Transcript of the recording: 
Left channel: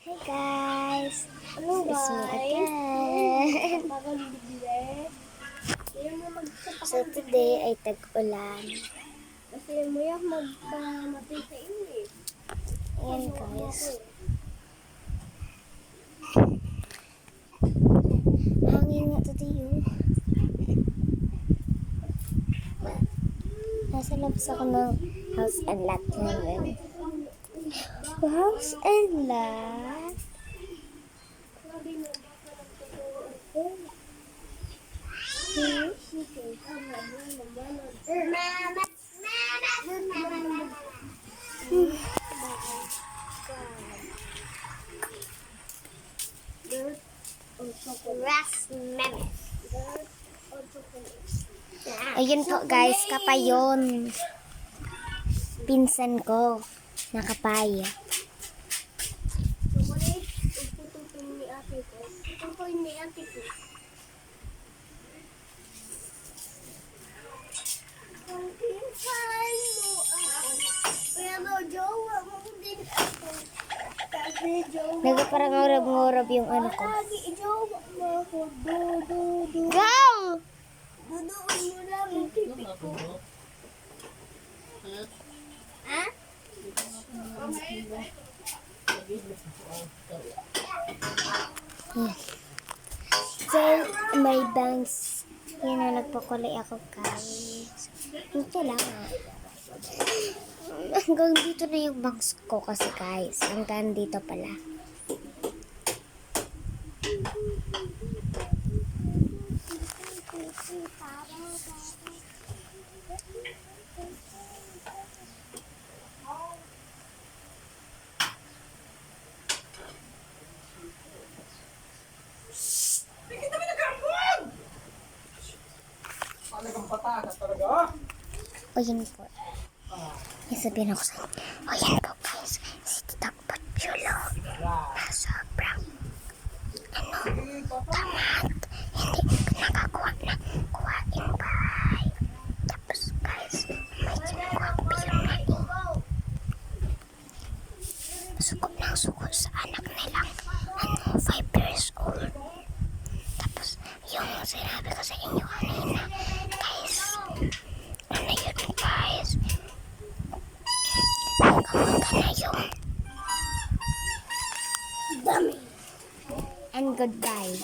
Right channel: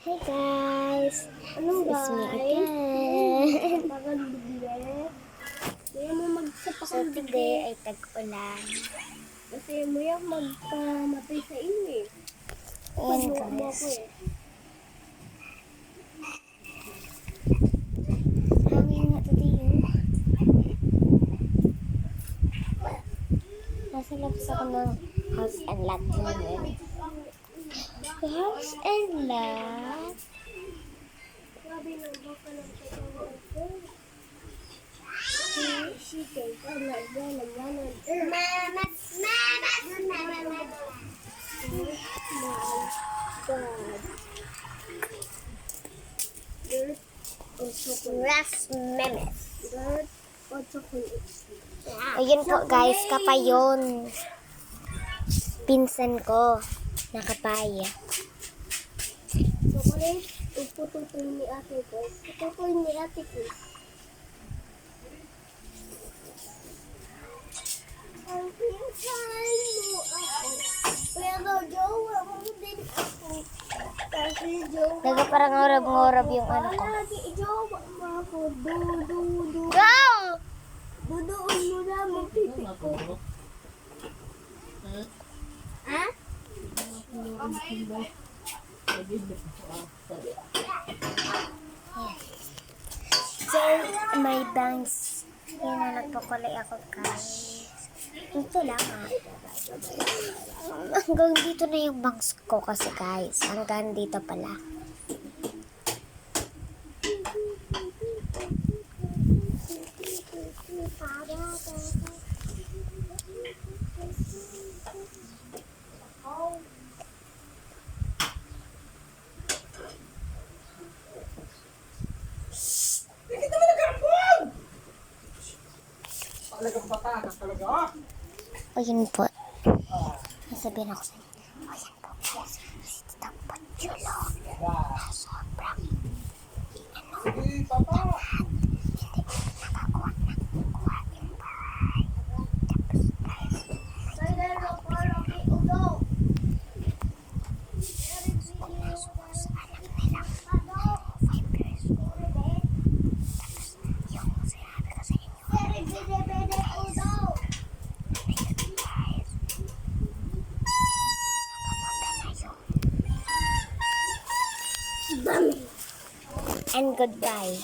Hey guys! Ano This is me guys? again. Parang bigla. Kaya mo So magsapakan today ay tag-ulan. Kasi mo yung magpamatay sa inyo eh. Ayan Pag mo ako guys. eh. Hangin nga today oh. Nasa labas ako ng house and lot ngayon. House and lot? Sabi na baka ng totoo ako. Chicken. Dirt or chocolate. Ras memes. Dirt or chocolate. Ayun po guys, kapayon. Pinsan ko. Nakapaya. Chocolate. Pututoy ni ate ko. Pututoy ni ate ko. Ang pinsan mo ako. Pero jowa mo din ako. Kasi jowa Nagparangorab-ngorab yung ano ko. Lagi jowa mo ako. Du. Go! Duduon mo na mong pipi ko. Ha? Yan. So, may bangs. Yan na, nagpakulay ako guys. Ito lang hanggang dito na yung bangs ko kasi guys. Hanggang dito pala. Talagang batakas talaga. O yun po. May sabihin ako sa inyo. O yan po guys. Si Titang Patsyulo. Na sobrang Sige, papa. hindi nakakuha ng kuhain bahay. Tapos guys, may suko ng suko sa anak nilang 5 years old. Tapos yung sinabi ko sa inyo kanina, guys, ano yun guys? Magkamagka na yun. Dami. And goodbye.